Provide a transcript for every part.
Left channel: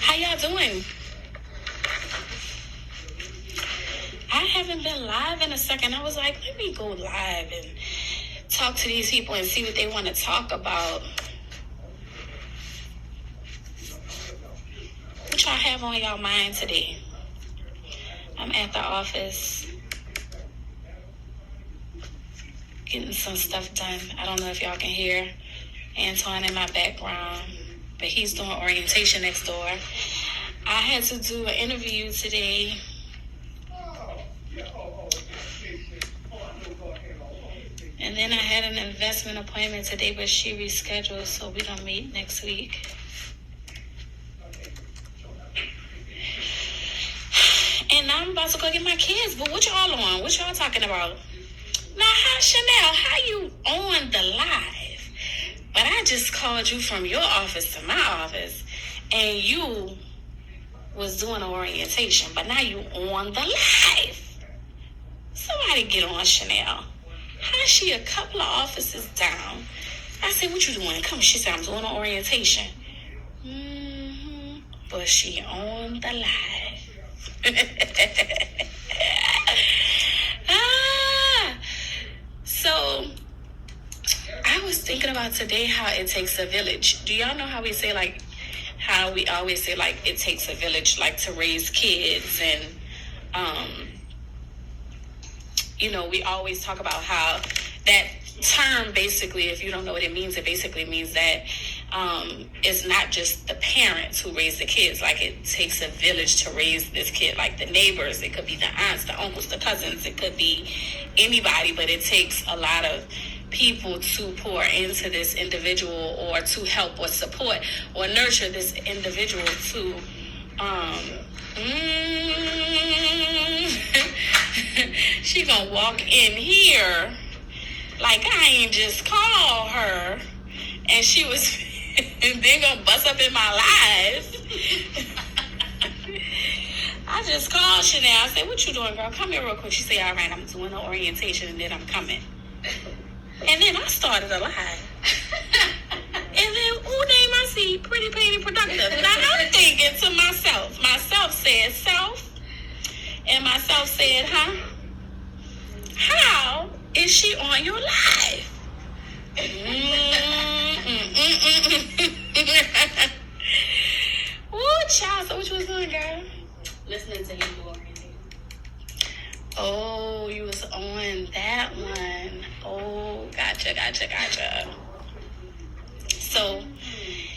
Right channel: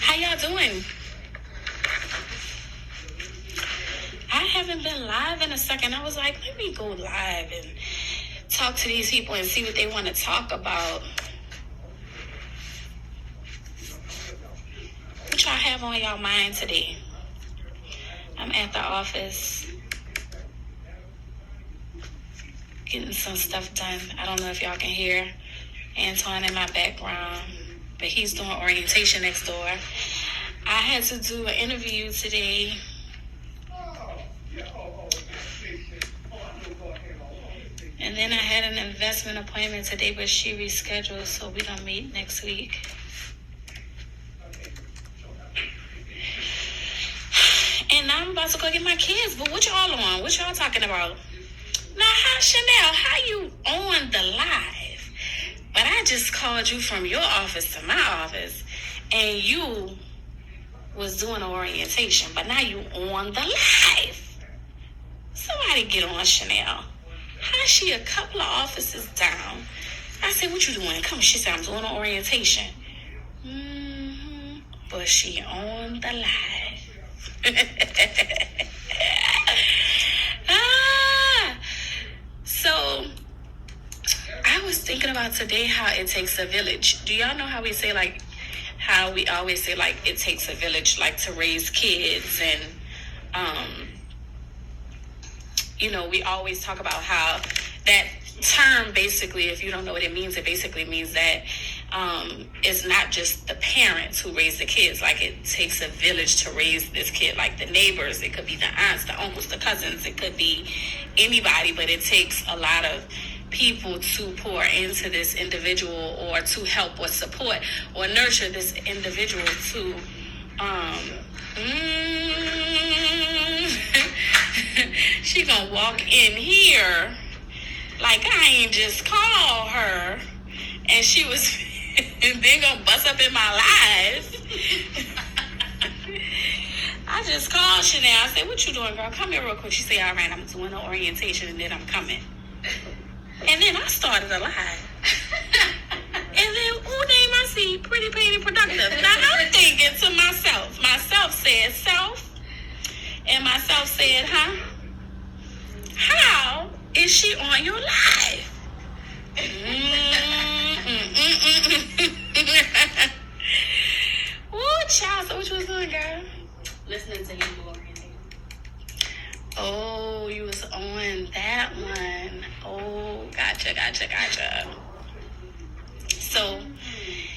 How y'all doing? I haven't been live in a second. I was like, let me go live and talk to these people and see what they want to talk about. What y'all have on y'all mind today? I'm at the office getting some stuff done. I don't know if y'all can hear Antoine in my background, but he's doing orientation next door. I had to do an interview today. And then I had an investment appointment today, but she rescheduled, so we're going to meet next week. And now I'm about to go get my kids, but what y'all on? What y'all talking about? Now, how, Chanel, how you on the live? But I just called you from your office to my office, and you was doing an orientation, but now you on the live. Somebody get on Chanel. How she a couple of offices down? I said, what you doing? Come, she said, I'm doing an orientation. But she on the live. So I was thinking about today how it takes a village. Do y'all know how we say, like, how we always say, like, it takes a village, like, to raise kids? And you know, we always talk about how that term, basically, if you don't know what it means, it basically means that it's not just the parents who raise the kids. Like, it takes a village to raise this kid, like the neighbors. It could be the aunts, the uncles, the cousins. It could be anybody, but it takes a lot of people to pour into this individual, or to help or support or nurture this individual to she gonna walk in here like I ain't just called her, and she was then gonna bust up in my life. I just called Chanel. I said, what you doing, girl? Come here real quick. She said, all right, I'm doing an orientation and then I'm coming. And then I started a live. And then, who name I see? Pretty Painted Productive. Now I'm thinking to myself. Myself said self. And myself said, huh? How is she on your live? Ooh, child. So what you was doing, girl? Listening to him do orientation. Oh, you was on that one. Oh, gotcha. So,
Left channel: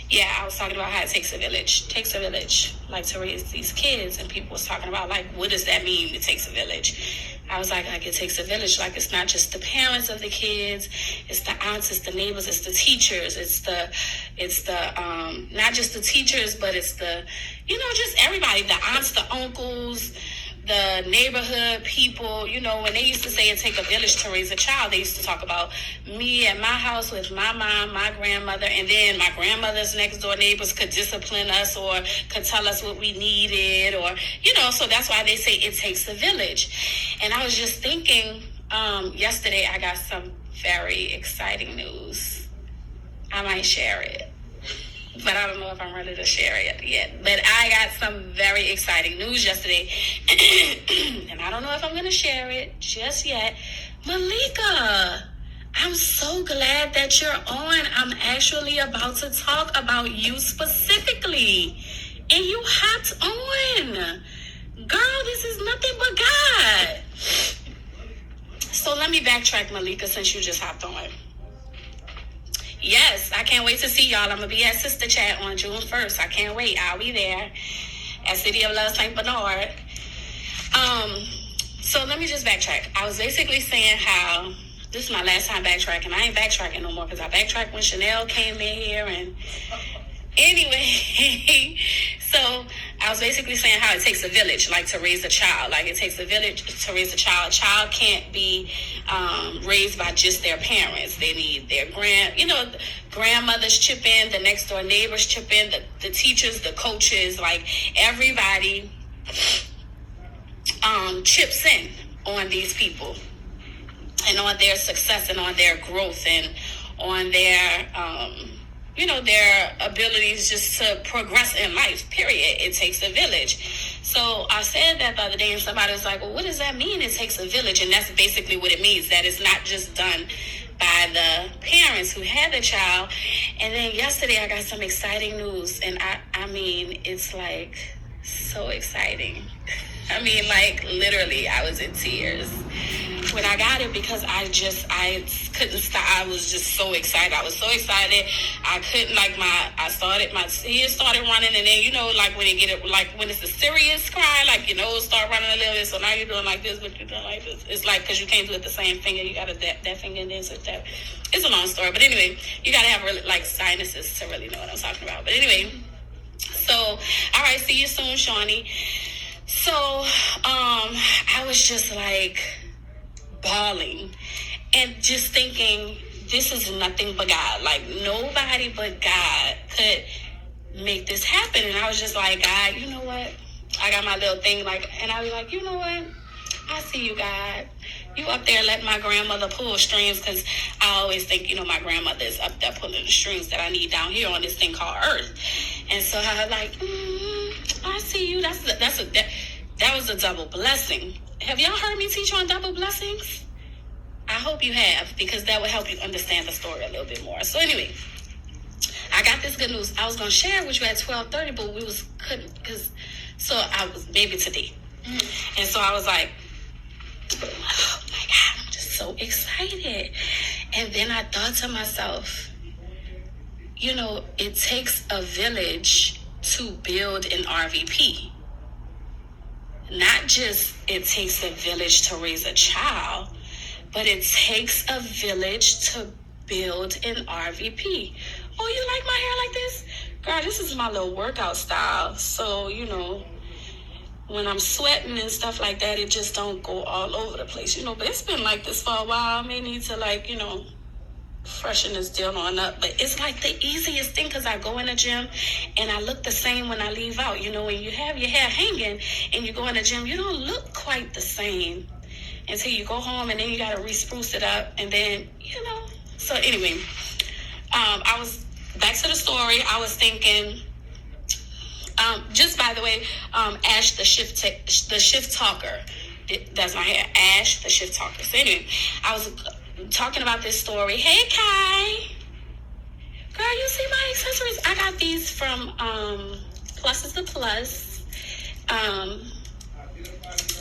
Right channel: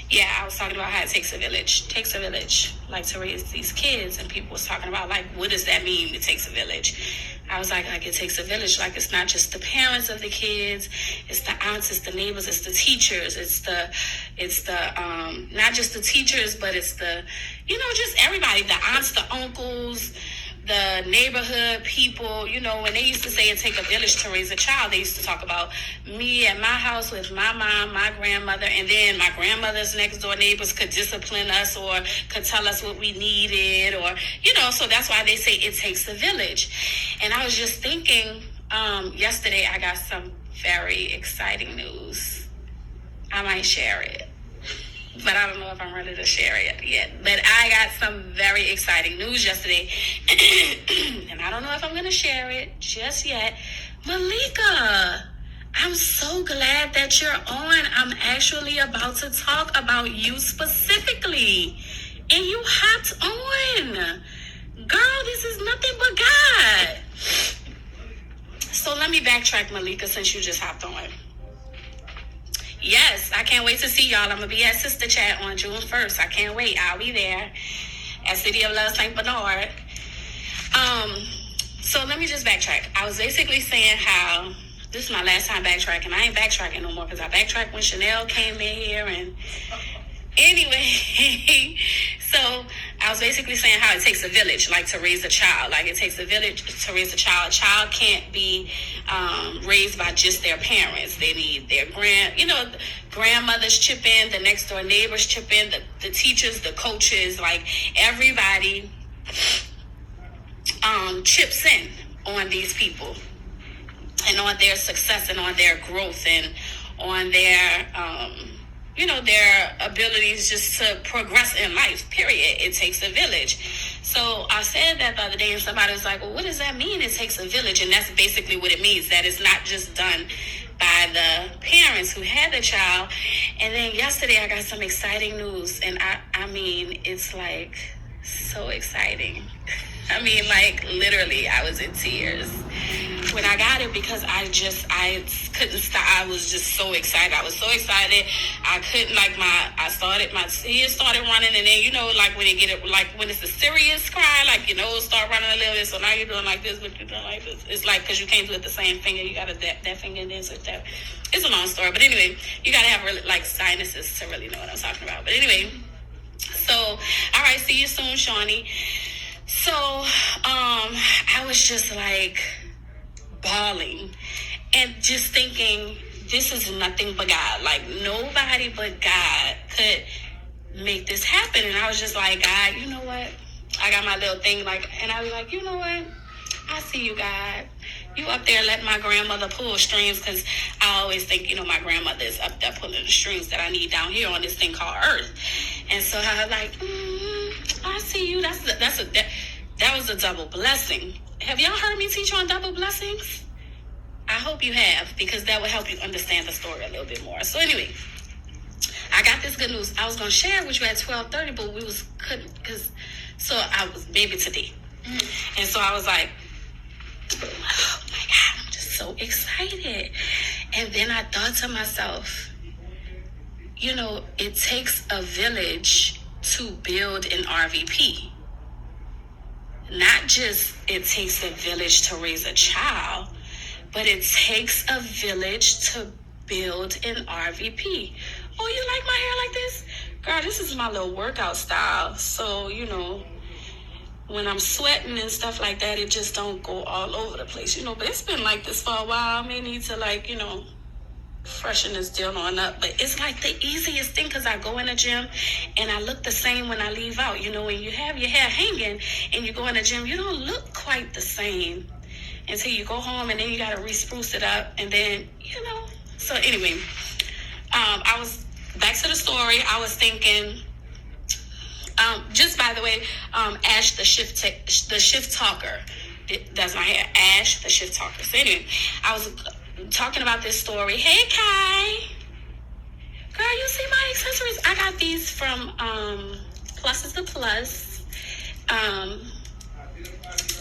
yeah, I was talking about how it takes a village. Takes a village, like, to raise these kids. And people was talking about, like, what does that mean, it takes a village? I was like, it takes a village. Like, it's not just the parents of the kids. It's the aunts, it's the neighbors, it's the teachers. It's the not just the teachers, but it's the, you know, just everybody. The aunts, the uncles, the neighborhood people. You know, when they used to say it take a village to raise a child, they used to talk about me at my house with my mom, my grandmother, and then my grandmother's next door neighbors could discipline us or could tell us what we needed, or, you know, so that's why they say it takes a village. And I was just thinking, yesterday I got some very exciting news. I might share it, but I don't know if I'm ready to share it yet. But I got some very exciting news yesterday, and I don't know if I'm going to share it just yet. Malika, I'm so glad that you're on. I'm actually about to talk about you specifically, and you hopped on. Girl, this is nothing but God. So let me backtrack, Malika, since you just hopped on. Yes, I can't wait to see y'all. I'm going to be at Sister Chat on June 1st. I can't wait. I'll be there at City of Love St. Bernard. So let me just backtrack. I was basically saying how this is my last time backtracking. I ain't backtracking no more because I backtracked when Chanel came in here. And anyway, so I was basically saying how it takes a village, like, to raise a child. Like, it takes a village to raise a child. A child can't be raised by just their parents. They need their grandmothers chip in, the next door neighbors chip in, the teachers, the coaches, like, everybody chips in on these people and on their success and on their growth and on their their abilities just to progress in life, period. It takes a village. So I said that the other day, and somebody was like, well, what does that mean, it takes a village? And that's basically what it means, that it's not just done by the parents who had the child. And then yesterday I got some exciting news, and I mean, it's like so exciting. I mean, like, literally, I was in tears when I got it because I couldn't stop. I was just so excited. I was so excited. I couldn't, like, my tears started running. And then, like, when when it's a serious cry, like, start running a little bit. So now you're doing like this, but you're doing like this. It's like, because you can't do it the same finger. You got to that finger and then switch that. It's a long story. But anyway, you got to have really, like, sinuses to really know what I'm talking about. But anyway, so, all right, see you soon, Shawnee. So, I was just like bawling and just thinking, this is nothing but God. Like, nobody but God could make this happen. And I was just like, God, you know what? I got my little thing, like, and I was like, you know what? I see you, God. You up there letting my grandmother pull strings, because I always think, my grandmother is up there pulling the strings that I need down here on this thing called Earth. And so I was like, I see you. That was a double blessing. Have y'all heard me teach on double blessings? I hope you have, because that will help you understand the story a little bit more. So anyway, I got this good news. I was going to share it with you at 12:30, but so I was maybe today. And so I was like, oh my God, I'm just so excited. And then I thought to myself, it takes a village to build an RVP. Not just it takes a village to raise a child, but it takes a village to build an RVP. Oh, you like my hair like this? Girl, this is my little workout style. So, when I'm sweating and stuff like that, it just don't go all over the place, But it's been like this for a while. I may need to, freshen this deal on up. But it's like the easiest thing, because I go in the gym and I look the same when I leave out. When you have your hair hanging and you go in the gym, you don't look quite the same until you go home, and then you got to re-spruce it up. And then, So anyway, I was back to the story. I was thinking, just by the way, Ash, the shift talker, that's my hair. Ash, the shift talker. So anyway, I was talking about this story. Hey, Kai. Girl, you see my accessories? I got these from Plus is the Plus.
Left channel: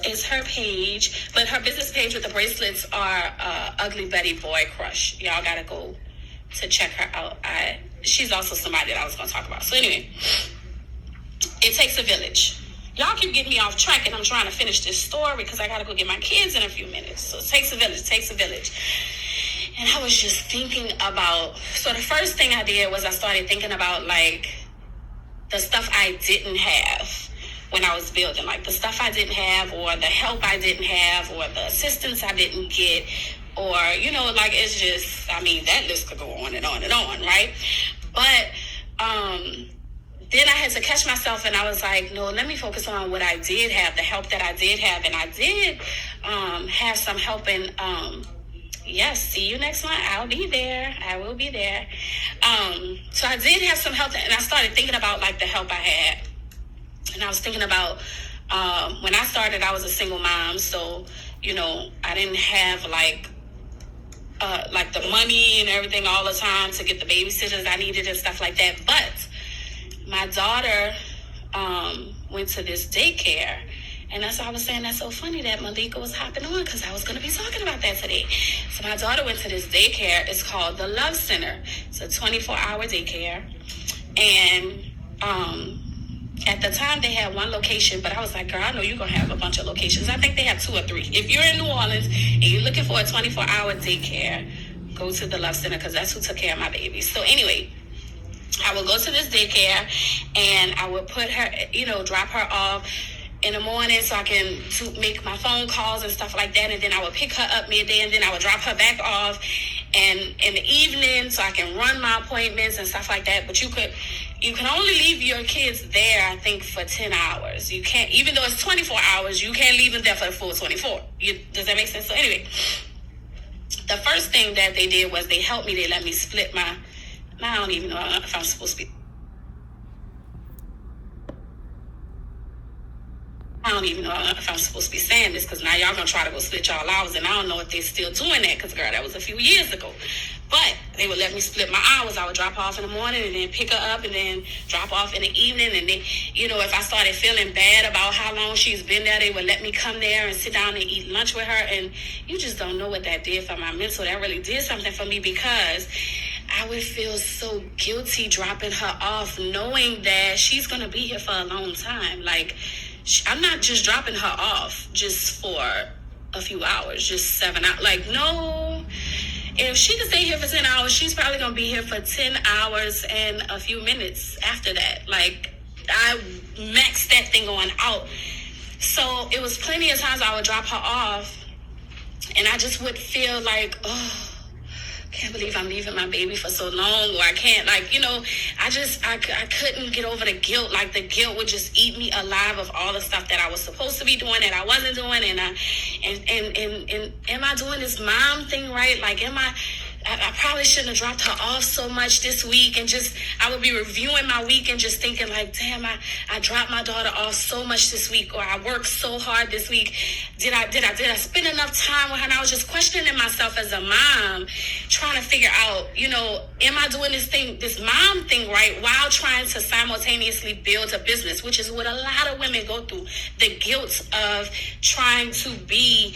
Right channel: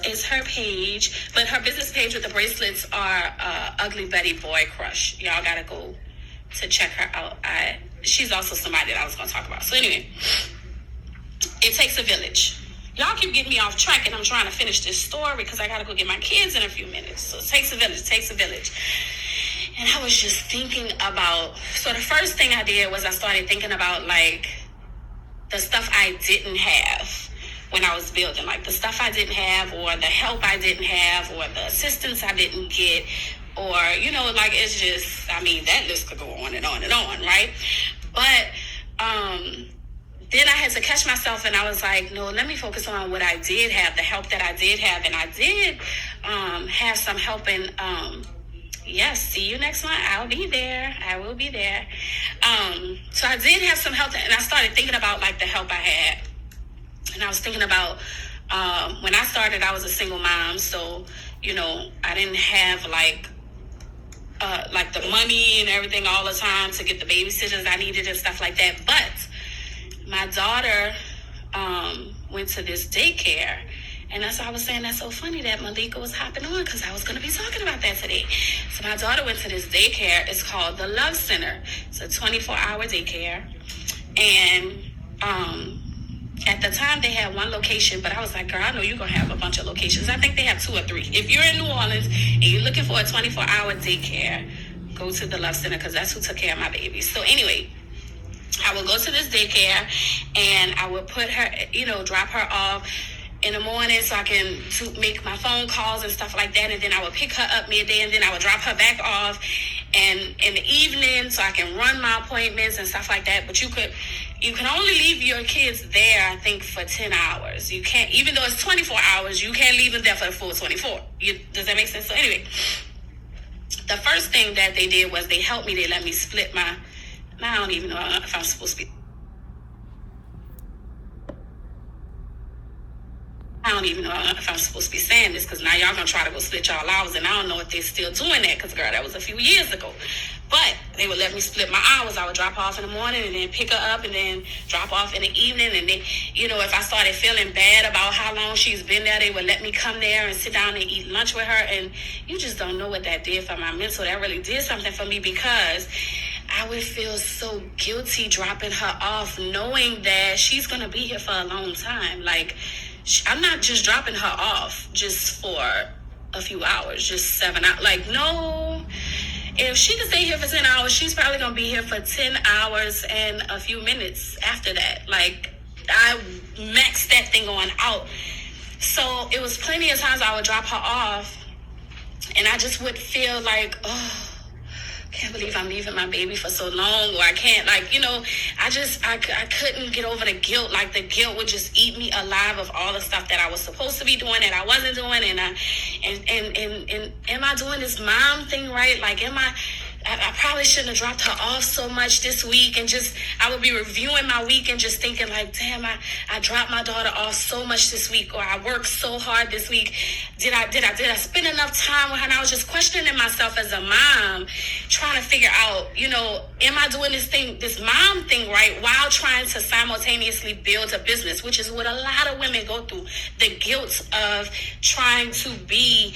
Is her page, but her business page with the bracelets are Ugly Betty Boy Crush. Y'all gotta go to check her out. She's also somebody that I was gonna talk about. So anyway, it takes a village. Y'all keep getting me off track, and I'm trying to finish this story because I gotta go get my kids in a few minutes. So it takes a village. And I was just thinking about, so the first thing I did was I started thinking about, like, the stuff I didn't have when I was building, like the stuff I didn't have, or the help I didn't have, or the assistance I didn't get, or, like, it's just, that list could go on and on and on, right? But, then I had to catch myself, and I was like, no, let me focus on what I did have, the help that I did have. And I did have some help in, yes, see you next month. I'll be there. I will be there. So I did have some help, and I started thinking about, like, the help I had. And I was thinking about, when I started, I was a single mom. So, I didn't have, like the money and everything all the time to get the babysitters I needed and stuff like that. But my daughter went to this daycare, and that's why I was saying that's so funny that Malika was hopping on, because I was going to be talking about that today. So my daughter went to this daycare. It's called the Love Center. It's a 24-hour daycare, and At the time, they had one location, but I was like, girl, I know you're going to have a bunch of locations. I think they have 2 or 3. If you're in New Orleans and you're looking for a 24-hour daycare, go to the Love Center because that's who took care of my babies. So anyway, I would go to this daycare and I would put her, drop her off in the morning so I can make my phone calls and stuff like that. And then I would pick her up midday and then I would drop her back off. And in the evening so I can run my appointments and stuff like that. But you can only leave your kids there, I think, for 10 hours. You can't, even though it's 24 hours, you can't leave them there for the full 24. Does that make sense? So anyway, the first thing that they did was they helped me. They let me split I don't even know if I'm supposed to be. I don't even know if I'm supposed to be saying this because now y'all gonna try to go split y'all hours, and I don't know if they're still doing that because, girl, that was a few years ago. But they would let me split my hours. I would drop off in the morning and then pick her up and then drop off in the evening. And then, if I started feeling bad about how long she's been there, they would let me come there and sit down and eat lunch with her. And you just don't know what that did for my mental. That really did something for me because I would feel so guilty dropping her off knowing that she's going to be here for a long time. Like, I'm not just dropping her off just for a few hours, just 7 hours. Like, no. If she can stay here for 10 hours, she's probably going to be here for 10 hours and a few minutes after that. Like, I maxed that thing on out. So it was plenty of times I would drop her off and I just would feel like, oh, can't believe I'm leaving my baby for so long, or I can't, I couldn't get over the guilt. Like, the guilt would just eat me alive of all the stuff that I was supposed to be doing that I wasn't doing, and am I doing this mom thing right? Like, I probably shouldn't have dropped her off so much this week, and I would be reviewing my week and just thinking like, damn, I dropped my daughter off so much this week, or I worked so hard this week. Did I spend enough time with her? And I was just questioning myself as a mom, trying to figure out, am I doing this mom thing right while trying to simultaneously build a business, which is what a lot of women go through. The guilt of trying to be,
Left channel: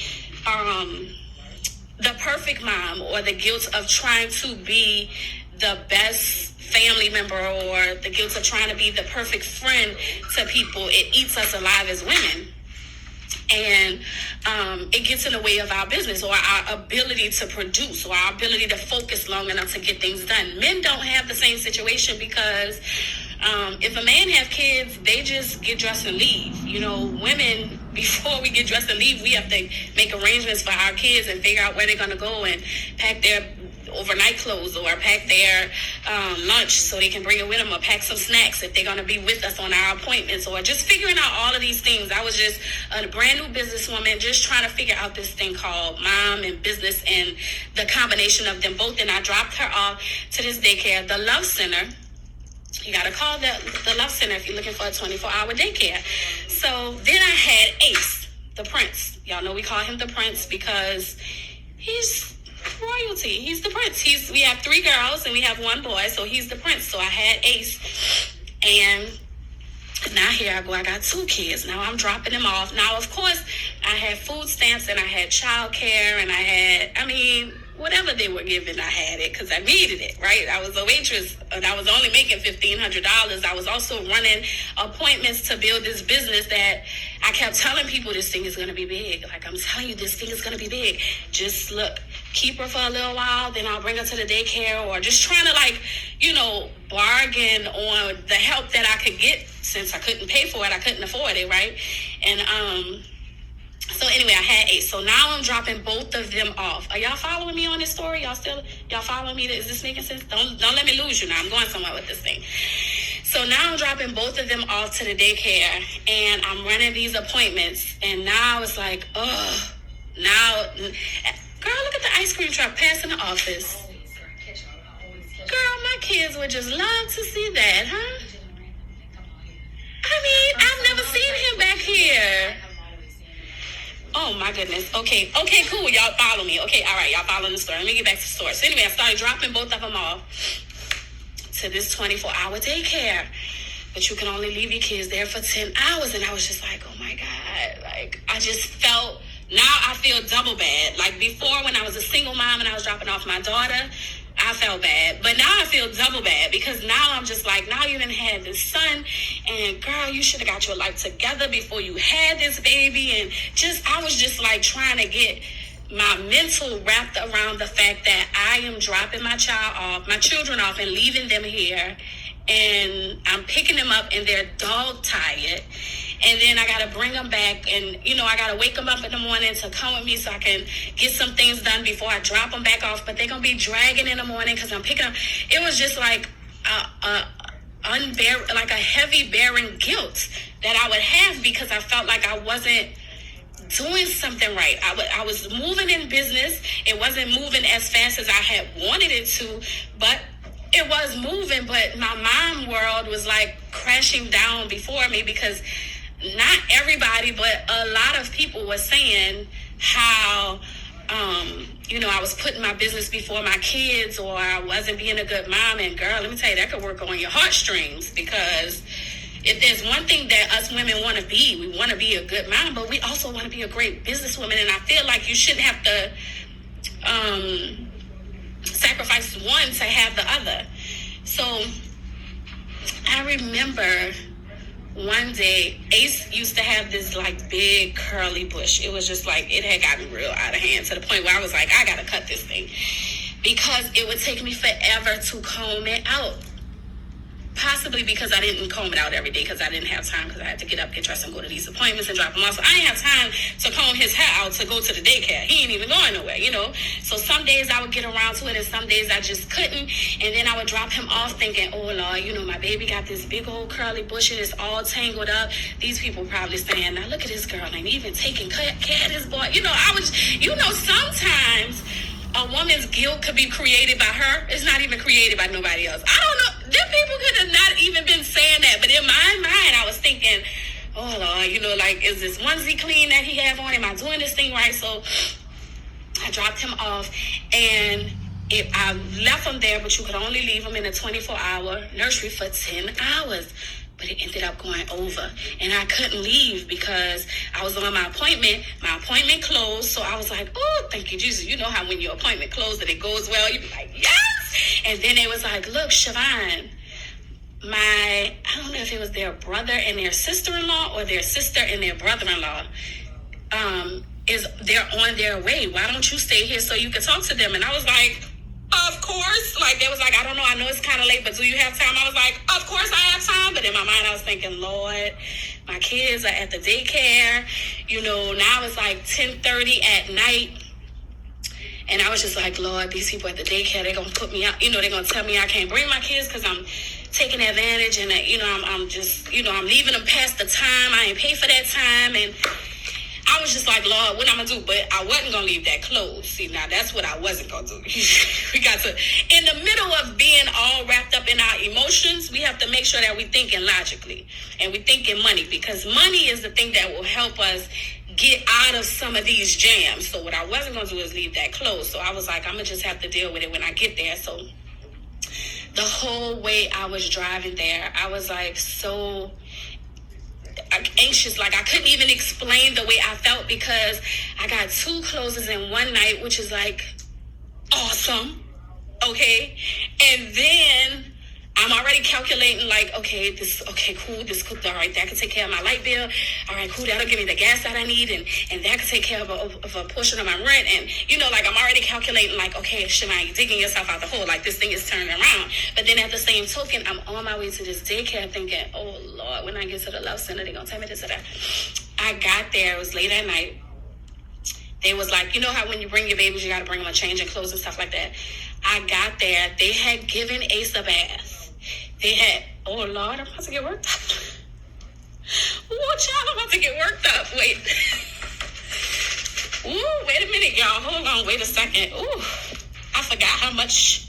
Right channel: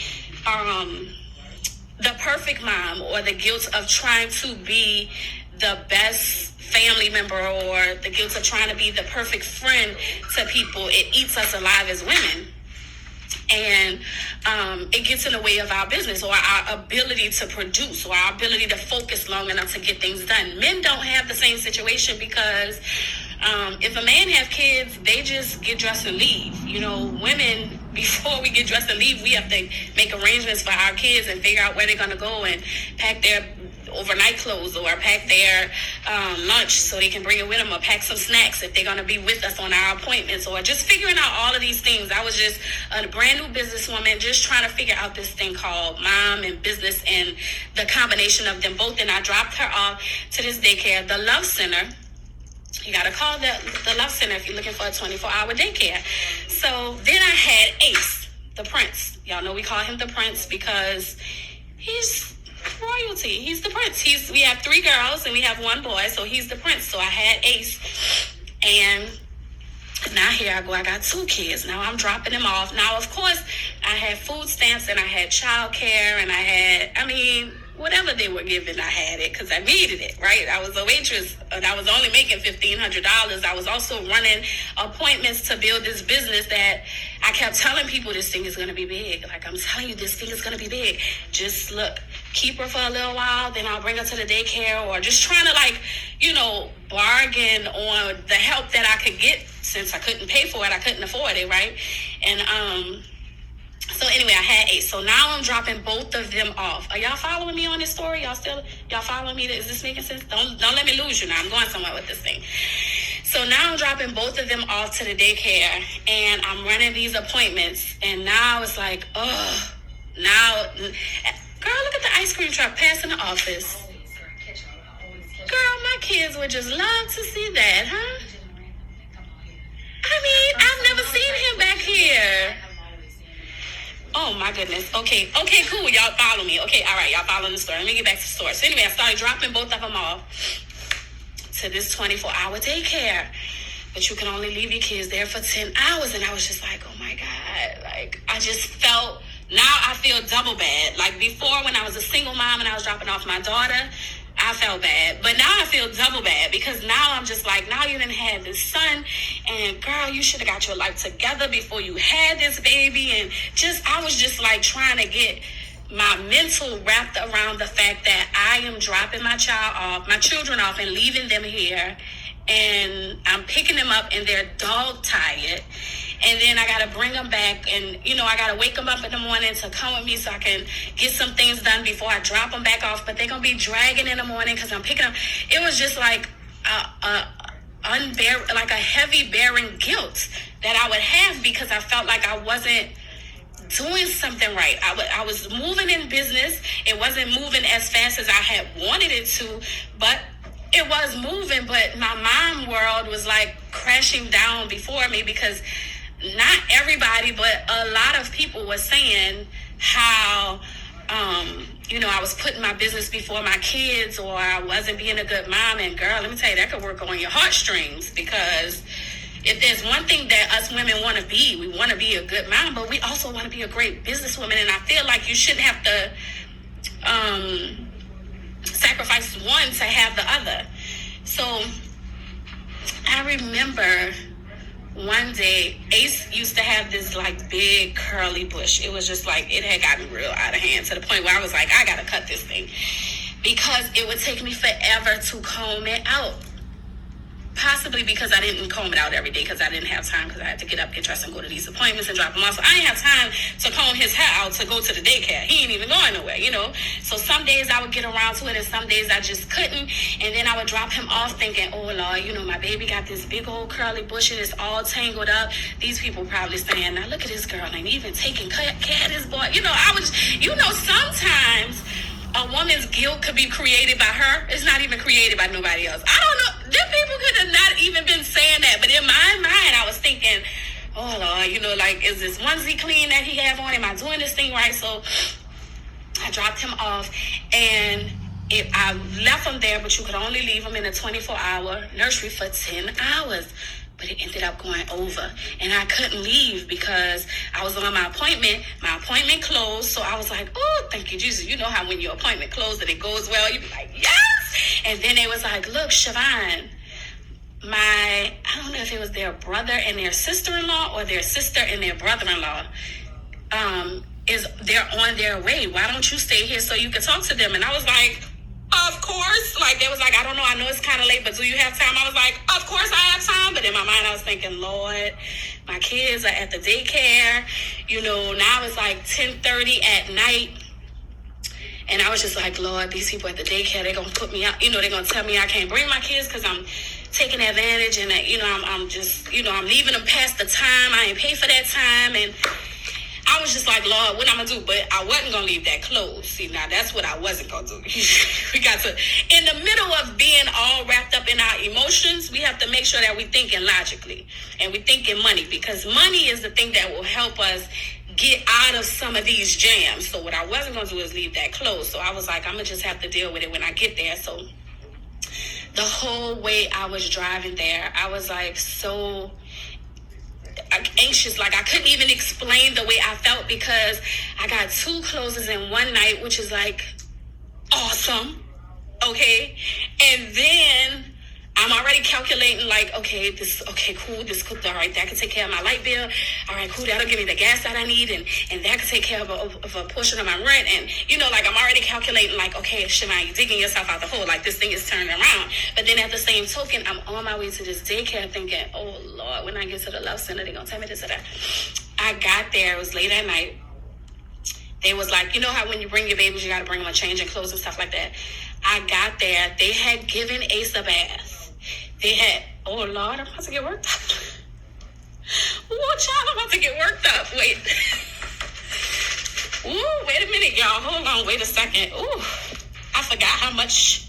the perfect mom, or the guilt of trying to be the best family member, or the guilt of trying to be the perfect friend to people. It eats us alive as women. And it gets in the way of our business, or our ability to produce, or our ability to focus long enough to get things done. Men don't have the same situation because if a man have kids, they just get dressed and leave. Women, before we get dressed and leave, we have to make arrangements for our kids and figure out where they're going to go and pack their overnight clothes, or pack their lunch so they can bring it with them, or pack some snacks if they're going to be with us on our appointments, or just figuring out all of these things. I was just a brand new businesswoman just trying to figure out this thing called mom and business and the combination of them both. And I dropped her off to this daycare, the Love Center. You got to call the Love Center if you're looking for a 24-hour daycare. So then I had Ace, the prince. Y'all know we call him the prince because he's royalty. He's the prince. We have 3 girls and we have 1 boy, so he's the prince. So I had Ace, and now here I go. I got 2 kids. Now I'm dropping them off. Now, of course, I had food stamps and I had childcare, and I had, whatever they were giving, I had it because I needed it, right? I was a waitress and I was only making $1,500. I was also running appointments to build this business that I kept telling people this thing is going to be big. Like, I'm telling you, this thing is going to be big. Just look, keep her for a little while, then I'll bring her to the daycare, or just trying to bargain on the help that I could get since I couldn't pay for it. I couldn't afford it, right? And, so anyway, I had Ace. So now I'm dropping both of them off. Are y'all following me on this story? Y'all following me? Is this making sense? Don't let me lose you now. I'm going somewhere with this thing. So now I'm dropping both of them off to the daycare, and I'm running these appointments. And now it's like, girl, look at the ice cream truck passing the office. Girl, my kids would just love to see that, huh? I've never seen him back here. Oh my goodness. Okay, cool. Y'all follow me. Okay, all right, y'all follow the story. Let me get back to the story. So anyway, I started dropping both of them off to this 24-hour daycare. But you can only leave your kids there for 10 hours. And I was just like, oh my God. Like, I just felt, now I feel double bad. Like, before, when I was a single mom and I was dropping off my daughter, I felt bad. But now I feel double bad because now I'm just like, now you done had this son, and girl, you should have got your life together before you had this baby. And I was just like trying to get my mental wrapped around the fact that I am dropping my children off and leaving them here, and I'm picking them up and they're dog tired. And then I got to bring them back, and, I got to wake them up in the morning to come with me so I can get some things done before I drop them back off. But they're going to be dragging in the morning because I'm picking them. It was just like like a heavy bearing guilt that I would have because I felt like I wasn't doing something right. I was moving in business. It wasn't moving as fast as I had wanted it to, but it was moving. But my mom world was like crashing down before me because not everybody, but a lot of people were saying how, I was putting my business before my kids, or I wasn't being a good mom. And girl, let me tell you, that could work on your heartstrings, because if there's one thing that us women want to be, we want to be a good mom, but we also want to be a great businesswoman. And I feel like you shouldn't have to sacrifice one to have the other. So I remember one day, Ace used to have this like big curly bush. It was just like, it had gotten real out of hand to the point where I was like, I gotta cut this thing, because it would take me forever to comb it out. Possibly because I didn't comb it out every day, because I didn't have time, because I had to get up, get dressed, and go to these appointments and drop him off. So I didn't have time to comb his hair out to go to the daycare. He ain't even going nowhere, So some days I would get around to it, and some days I just couldn't. And then I would drop him off thinking, oh, Lord, my baby got this big old curly bush and it's all tangled up. These people probably saying, now look at this girl, ain't even taking care of this boy. Sometimes a woman's guilt could be created by her. It's not even created by nobody else. I don't know. Them people could have not even been saying that. But in my mind, I was thinking, oh, Lord, is this onesie clean that he have on? Am I doing this thing right? So I dropped him off, and I left him there, but you could only leave him in a 24-hour nursery for 10 hours. But it ended up going over, and I couldn't leave because I was on my appointment. My appointment closed, so I was like, oh, thank you, Jesus. You know how when your appointment closed and it goes well, you be like, yes! And then they was like, look, Siobhan, I don't know if it was their brother and their sister-in-law or their sister and their brother-in-law, they're on their way. Why don't you stay here so you can talk to them? And I was like, of course. Like, they was like, I don't know, I know it's kind of late, but do you have time? I was like, of course I have time. But in my mind, I was thinking, Lord, my kids are at the daycare. Now it's like 10:30 at night. And I was just like, Lord, these people at the daycare, they're going to put me out. They're going to tell me I can't bring my kids because I'm taking advantage. And that, I'm just, I'm leaving them past the time. I ain't pay for that time. And I was just like, Lord, what I'm going to do? But I wasn't going to leave that closed. See, now that's what I wasn't going to do. We got to, in the middle of being all wrapped up in our emotions, we have to make sure that we're thinking logically and we're thinking money, because money is the thing that will help us get out of some of these jams. So what I wasn't going to do is leave that closed. So I was like, I'm going to just have to deal with it when I get there. So the whole way I was driving there, I was like so anxious. Like, I couldn't even explain the way I felt, because I got 2 closes in one night, which is like awesome. Okay. And then I'm already calculating like, okay, cool, this could, all right, that could take care of my light bill. All right, cool, that'll give me the gas that I need, and that could take care of a portion of my rent. And, like, I'm already calculating like, okay, Siobhan, you're digging yourself out the hole, like this thing is turning around. But then at the same token, I'm on my way to this daycare thinking, oh, Lord, when I get to the love center, they're going to tell me this or that. I got there, it was late at night. They was like, how when you bring your babies, you got to bring them a change and clothes and stuff like that. I got there, they had given Ace a bath. They had, oh, Lord, I'm about to get worked up. Oh, child, I'm about to get worked up. Wait. Ooh, wait a minute, y'all. Hold on, wait a second. Ooh, I forgot how much.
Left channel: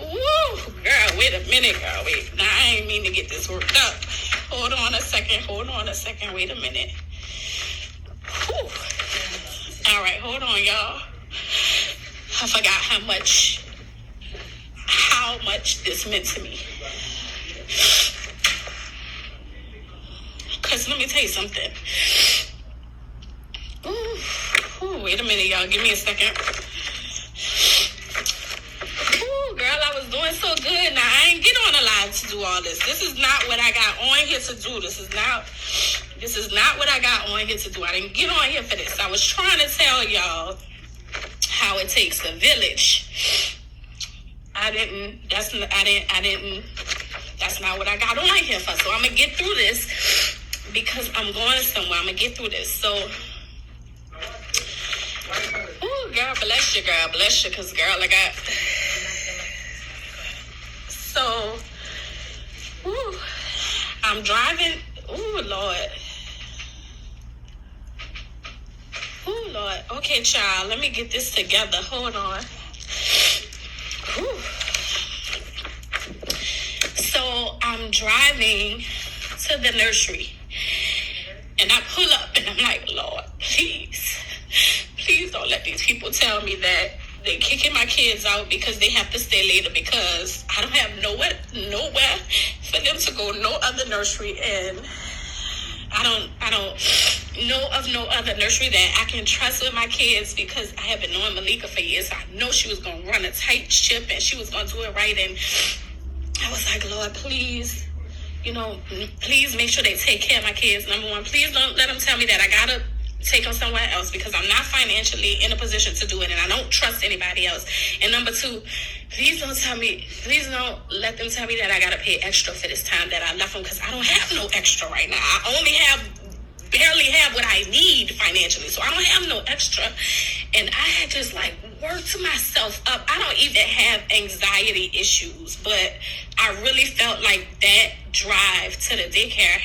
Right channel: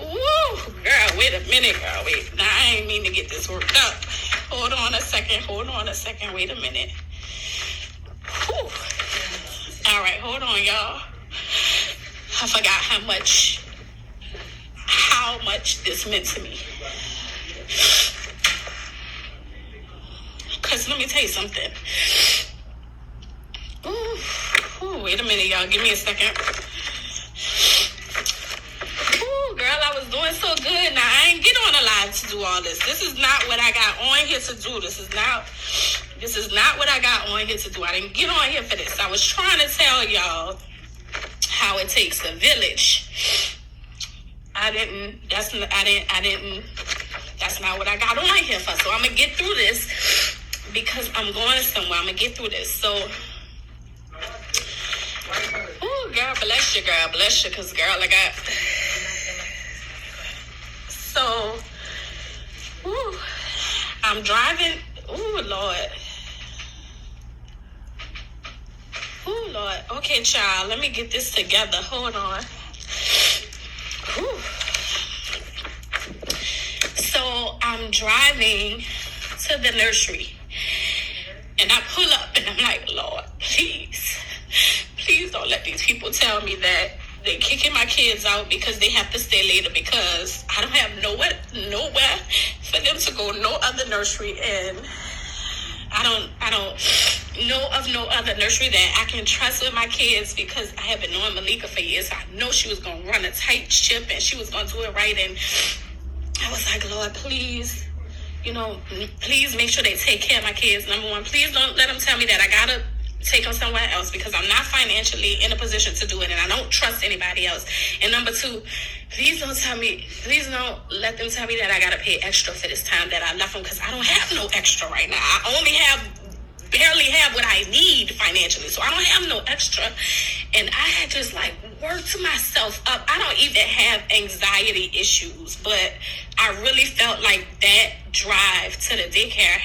Ooh, girl, wait a minute, girl. Wait, now I ain't mean to get this worked up. Hold on a second. Wait a minute. Whew. All right, hold on, y'all. I forgot how much this meant to me. Because let me tell you something. Ooh, wait a minute, y'all. Give me a second. Ooh. was doing so good. Now, I ain't get on a live to do all this. This is not what I got on here to do. This is not what I got on here to do. I didn't get on here for this. I was trying to tell y'all how it takes a village. That's not what I got on here for. So I'm going to get through this because I'm going somewhere. I'm going to get through this. So, oh, girl, bless you, because, girl, I got... So, I'm driving. Oh, Lord. Oh, Lord. Okay, child, let me get this together. Hold on. Whew. So, I'm driving to the nursery. And I pull up and I'm like, Lord, please don't let these people tell me that they're kicking my kids out because they have to stay later because I don't have nowhere for them to go, no other nursery, and I don't know of no other nursery that I can trust with my kids because I have been knowing Malika for years. I know she was going to run a tight ship and she was going to do it right, and I was like, Lord, please make sure they take care of my kids. Number one, please don't let them tell me that I got to take them somewhere else because I'm not financially in a position to do it and I don't trust anybody else. And number two, please don't let them tell me that I got to pay extra for this time that I left them because I don't have no extra right now. I only barely have what I need financially, so I don't have no extra. And I had just worked myself up. I don't even have anxiety issues, but I really felt like that drive to the daycare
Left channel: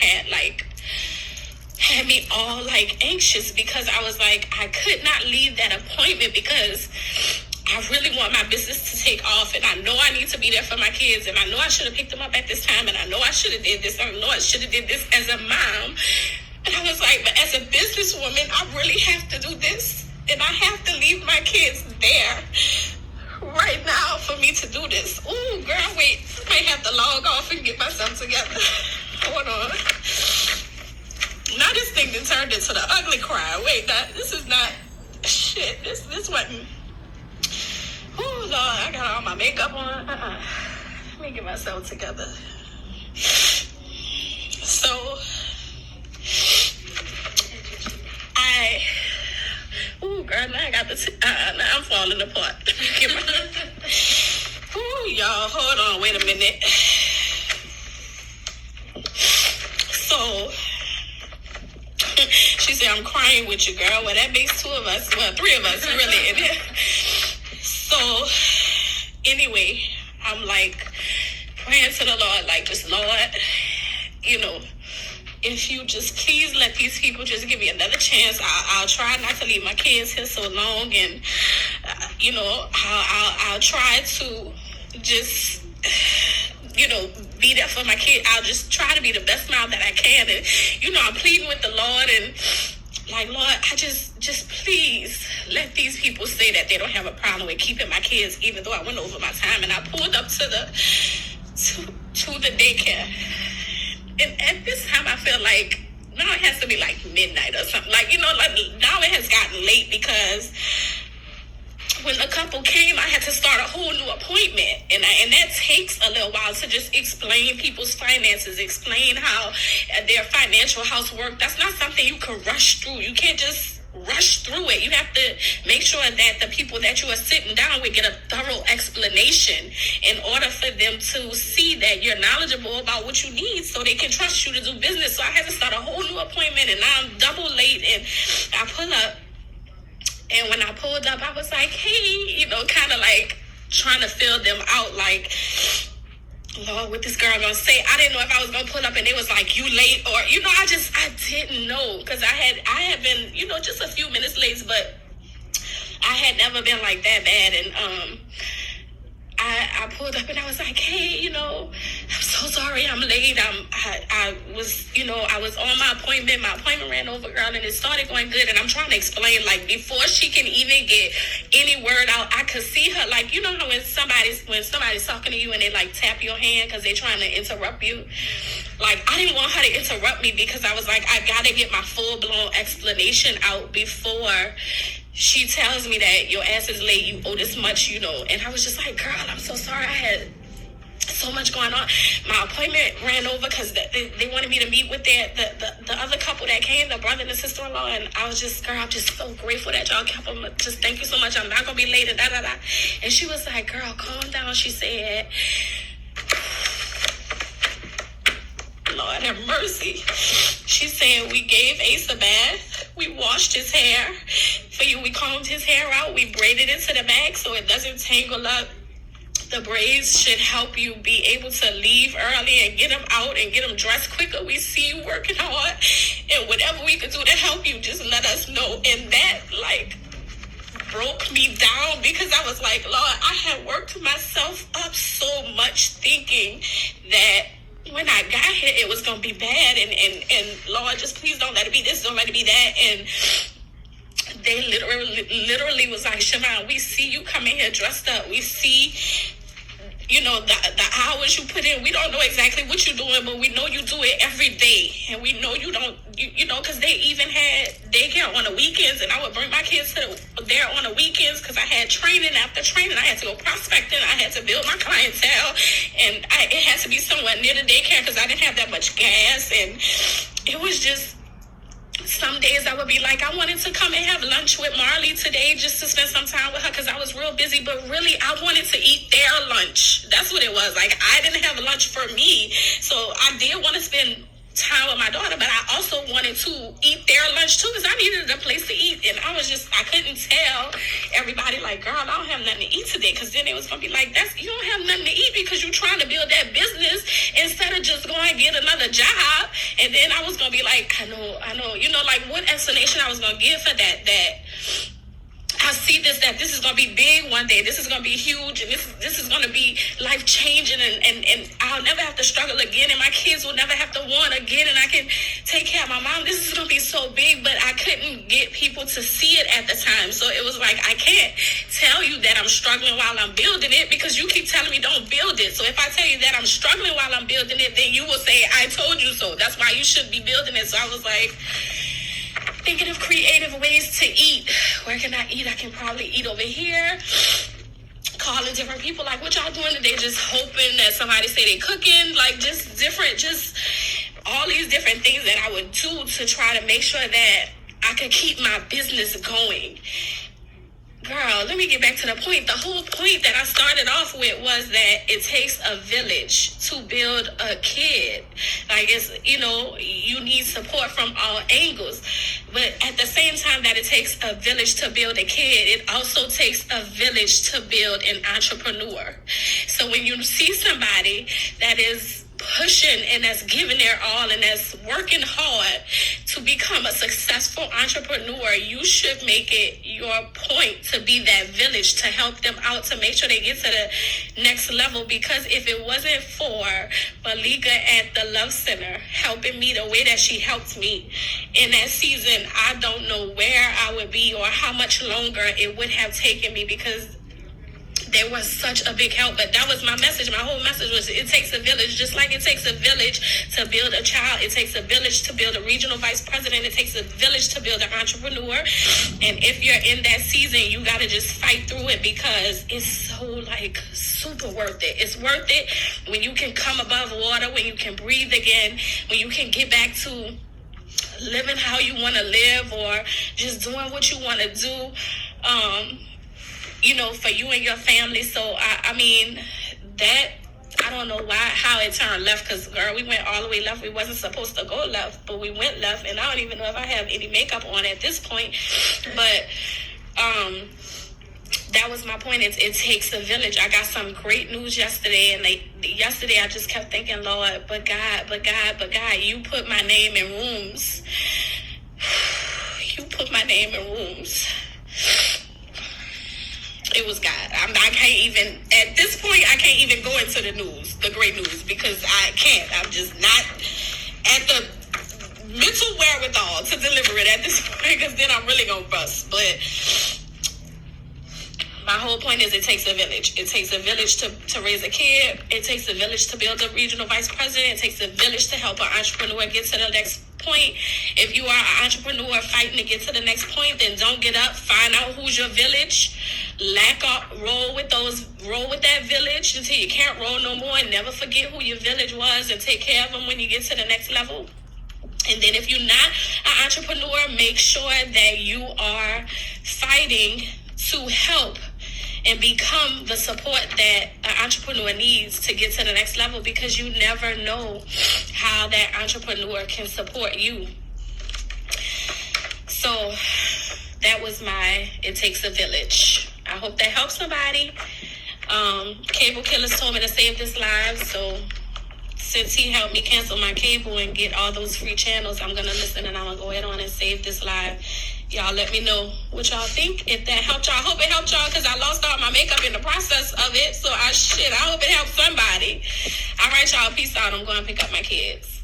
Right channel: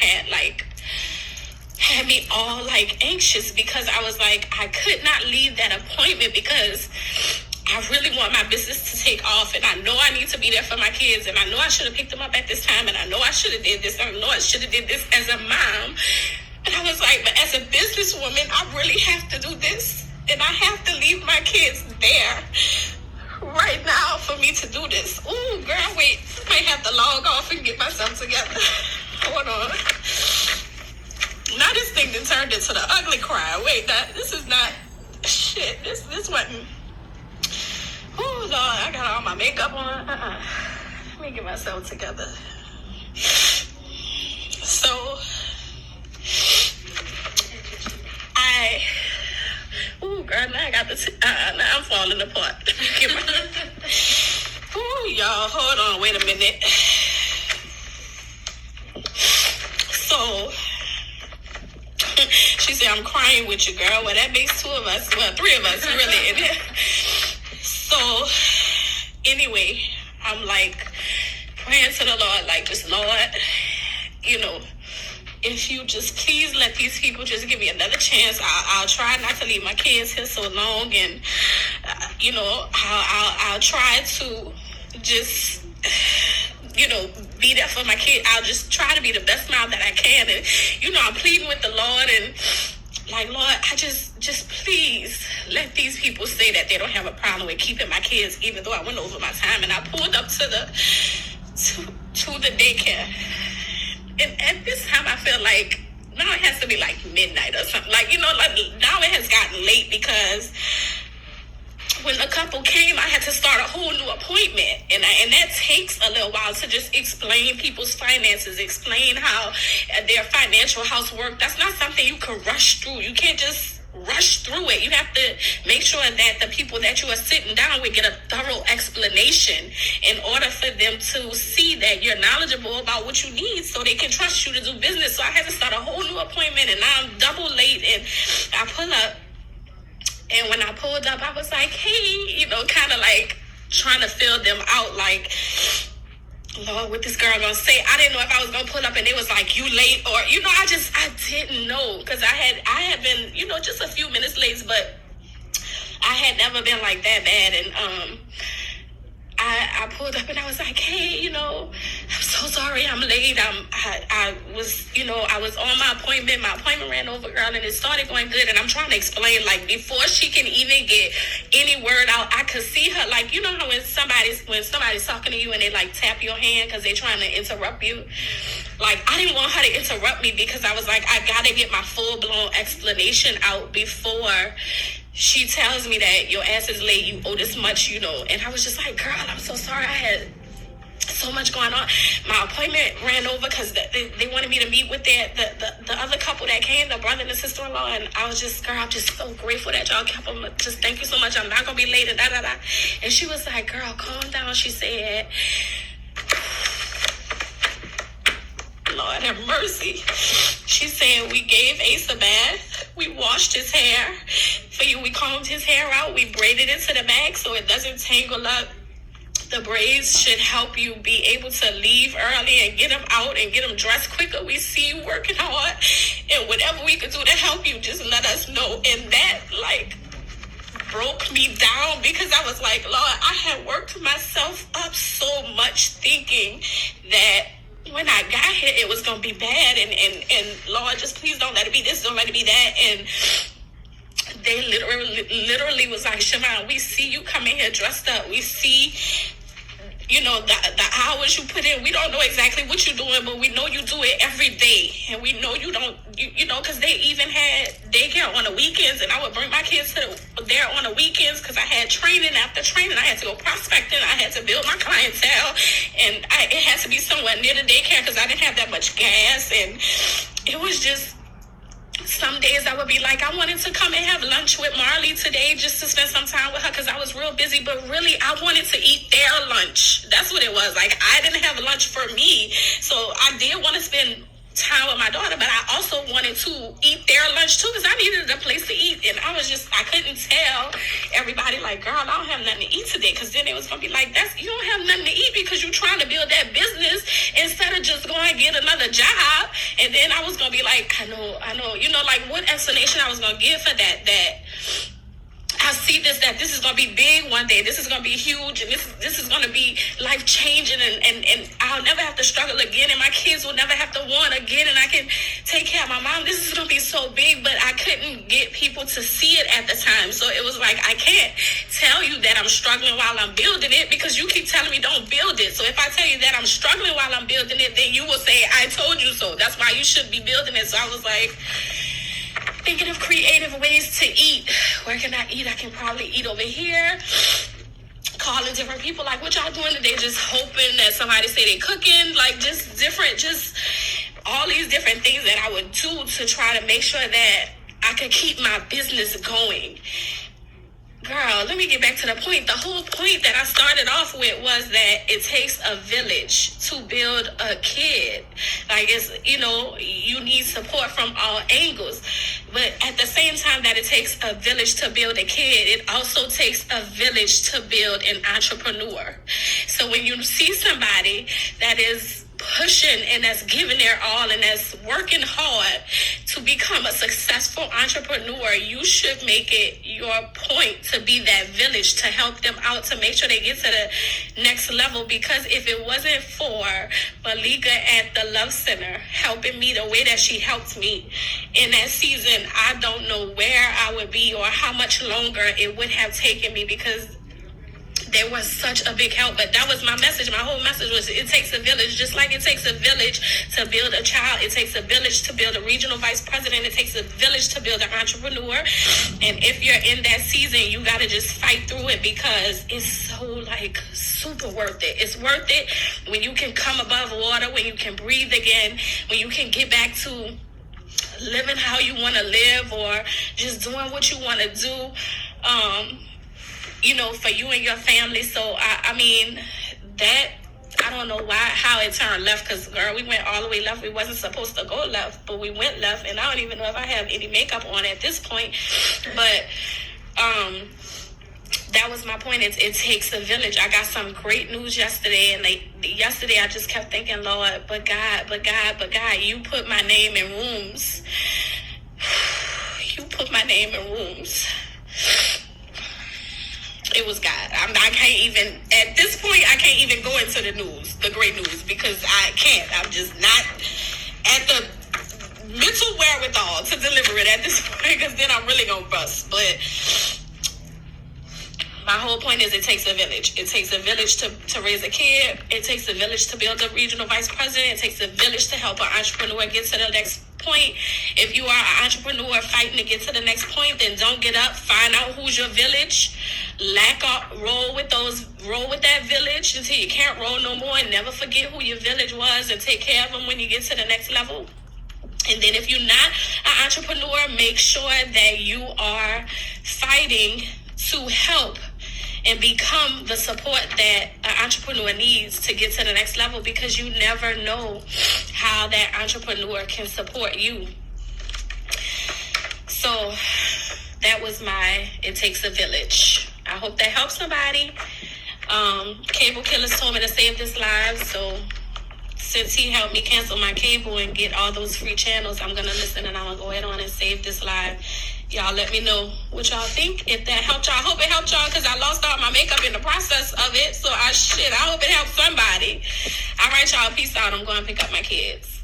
had me all anxious because I was like, I could not leave that appointment because I really want my business to take off, and I know I need to be there for my kids, and I know I should have picked them up at this time, and I know I should have did this, I know I should have did this as a mom. And I was like, but as a businesswoman, I really have to do this, and I have to leave my kids there right now for me to do this. Ooh, girl, wait, I might have to log off and get myself together. Hold on. Now this thing done turned into the ugly cry. Wait, this is not shit. This wasn't. Oh Lord, I got all my makeup on. Let me get myself together. So girl, now I got now I'm falling apart. Y'all, hold on, wait a minute. So she said, I'm crying with you, girl. Well, that makes two of us. Well, three of us, really. So, anyway, I'm praying to the Lord, just, Lord, if you just please let these people just give me another chance, I'll try not to leave my kids here so long. And, I'll try to just, be there for my kid. I'll just try to be the best mom that I can. And, I'm pleading with the Lord and Lord, I just please let these people say that they don't have a problem with keeping my kids, even though I went over my time. And I pulled up to the daycare. And at this time, I feel like now it has to be midnight or something. Now it has gotten late because when the couple came, I had to start a whole new appointment. And that takes a little while to just explain people's finances, explain how their financial house works. That's not something you can rush through. You can't just rush through it. You have to make sure that the people that you are sitting down with get a thorough explanation in order for them to see that you're knowledgeable about what you need so they can trust you to do business. So I had to start a whole new appointment, and now I'm double late, and I pull up. And when I pulled up, I was like, hey, kind of trying to fill them out, Lord, what this girl gonna say? I didn't know if I was gonna pull up and it was you late, or, I didn't know, because I had been, just a few minutes late, but I had never been that bad. And I pulled up and I was like, hey, I'm so sorry I'm late. I was on my appointment. My appointment ran over, girl, and it started going good. And I'm trying to explain, before she can even get any word out, I could see her, how when somebody's talking to you and they tap your hand because they're trying to interrupt you. I didn't want her to interrupt me because I was I gotta get my full blown explanation out before she tells me that your ass is late, you owe this much, and I was just like, girl, I'm so sorry, I had so much going on. My appointment ran over because they wanted me to meet with the other couple that came, the brother and the sister-in-law, and I was just, girl, I'm just so grateful that y'all kept them. Just thank you so much. I'm not gonna be late and da da da. And she was like, girl, calm down. She said, Lord have mercy. She said, we gave Ace a bath. We washed his hair for you. We combed his hair out. We braided it to the back so it doesn't tangle up. The braids should help you be able to leave early and get them out and get them dressed quicker. We see you working hard, and whatever we can do to help you, just let us know. And that, like, broke me down because I was like, Lord, I had worked myself up so much thinking that when I got here, it was going to be bad. And Lord, just please don't let it be this, don't let it be that. And they literally was like, Siobhan, we see you coming here dressed up. We see, the hours you put in. We don't know exactly what you're doing, but we know you do it every day. And we know you don't, because they even had daycare on the weekends, and I would bring my kids there on the weekends because I had training. After training, I had to go prospecting. I had to build my clientele, and it had to be somewhere near the daycare because I didn't have that much gas. And it was just, some days I would be like, I wanted to come and have lunch with Marley today just to spend some time with her because I was real busy, but really I wanted to eat their lunch. That's what it was. Like, I didn't have lunch for me, so I did want to spend time with my daughter, but I also wanted to eat their lunch too because I needed a place to eat. And I couldn't tell everybody, like, girl, I don't have nothing to eat today, because then it was gonna be like, you don't have nothing to eat because you're trying to build that business instead of just going and get another job. And then I was gonna be like, I know, like what explanation I was gonna give for that I see that this is going to be big one day. This is going to be huge, and this is going to be life-changing, and I'll never have to struggle again, and my kids will never have to want again, and I can take care of my mom. This is going to be so big, but I couldn't get people to see it at the time. So it was like, I can't tell you that I'm struggling while I'm building it because you keep telling me don't build it. So if I tell you that I'm struggling while I'm building it, then you will say, I told you so. That's why you should be building it. So I was like, thinking of creative ways to eat. Where can I eat? I can probably eat over here. Calling different people, like, what y'all doing today? Just hoping that somebody say they cooking. Like, just all these different things that I would do to try to make sure that I could keep my business going. Girl, let me get back to the point. The whole point that I started off with was that it takes a village to build a kid. Like, it's, you need support from all angles. But at the same time that it takes a village to build a kid, it also takes a village to build an entrepreneur. So when you see somebody that is pushing and that's giving their all and that's working hard to become a successful entrepreneur, you should make it your point to be that village, to help them out, to make sure they get to the next level. Because if it wasn't for Malika at the Love Center helping me the way that she helped me in that season, I don't know where I would be or how much longer it would have taken me, because there was such a big help. But that was my message. My whole message was, it takes a village. Just like it takes a village to build a child, it takes a village to build a regional vice president, it takes a village to build an entrepreneur. And if you're in that season, you got to just fight through it, because it's so, like, super worth it. It's worth it when you can come above water, when you can breathe again, when you can get back to living how you want to live, or just doing what you want to do, for you and your family. So, I mean, that, I don't know how it turned left, because, girl, we went all the way left. We wasn't supposed to go left, but we went left, and I don't even know if I have any makeup on at this point. But that was my point. It takes a village. I got some great news yesterday, and yesterday I just kept thinking, Lord, but God, you put my name in rooms. You put my name in rooms. It was God. I can't even, at this point, I can't even go into the news, the great news, because I can't. I'm just not at the mental wherewithal to deliver it at this point, because then I'm really going to bust. But my whole point is, it takes a village. It takes a village to raise a kid. It takes a village to build a regional vice president. It takes a village to help an entrepreneur get to the next point. If you are an entrepreneur fighting to get to the next point, then don't get up. Find out who's your village. Roll with that village until you can't roll no more, and never forget who your village was, and take care of them when you get to the next level. And then if you're not an entrepreneur, make sure that you are fighting to help and become the support that an entrepreneur needs to get to the next level, because you never know how that entrepreneur can support you. So that was my It Takes a Village. I hope that helps somebody. Cable Killers told me to save this live, so since he helped me cancel my cable and get all those free channels, I'm going to listen, and I'm going to go ahead on and save this live. Y'all let me know what y'all think. If that helped y'all, I hope it helped y'all, because I lost all my makeup in the process of it. So I hope it helped somebody. All right, y'all. Peace out. I'm going to pick up my kids.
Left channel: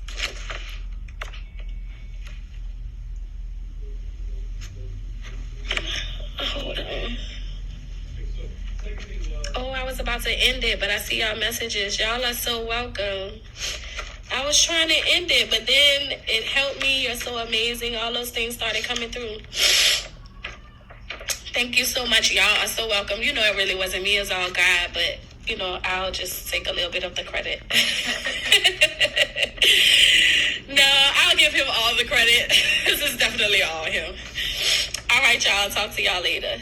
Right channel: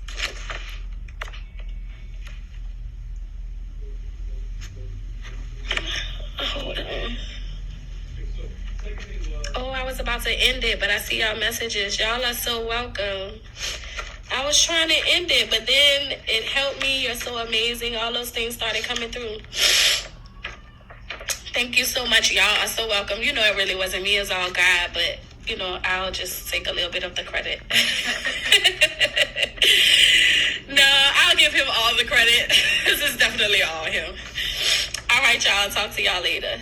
Hold on. Oh, I was about to end it, but I see y'all messages. Y'all are so welcome. I was trying to end it, but then it helped me. You're so amazing. All those things started coming through. Thank you so much. Y'all are so welcome. You know, it really wasn't me. It's all God, but, you know, I'll just take a little bit of the credit. No, I'll give him all the credit. This is definitely all him. All right, y'all. Talk to y'all later.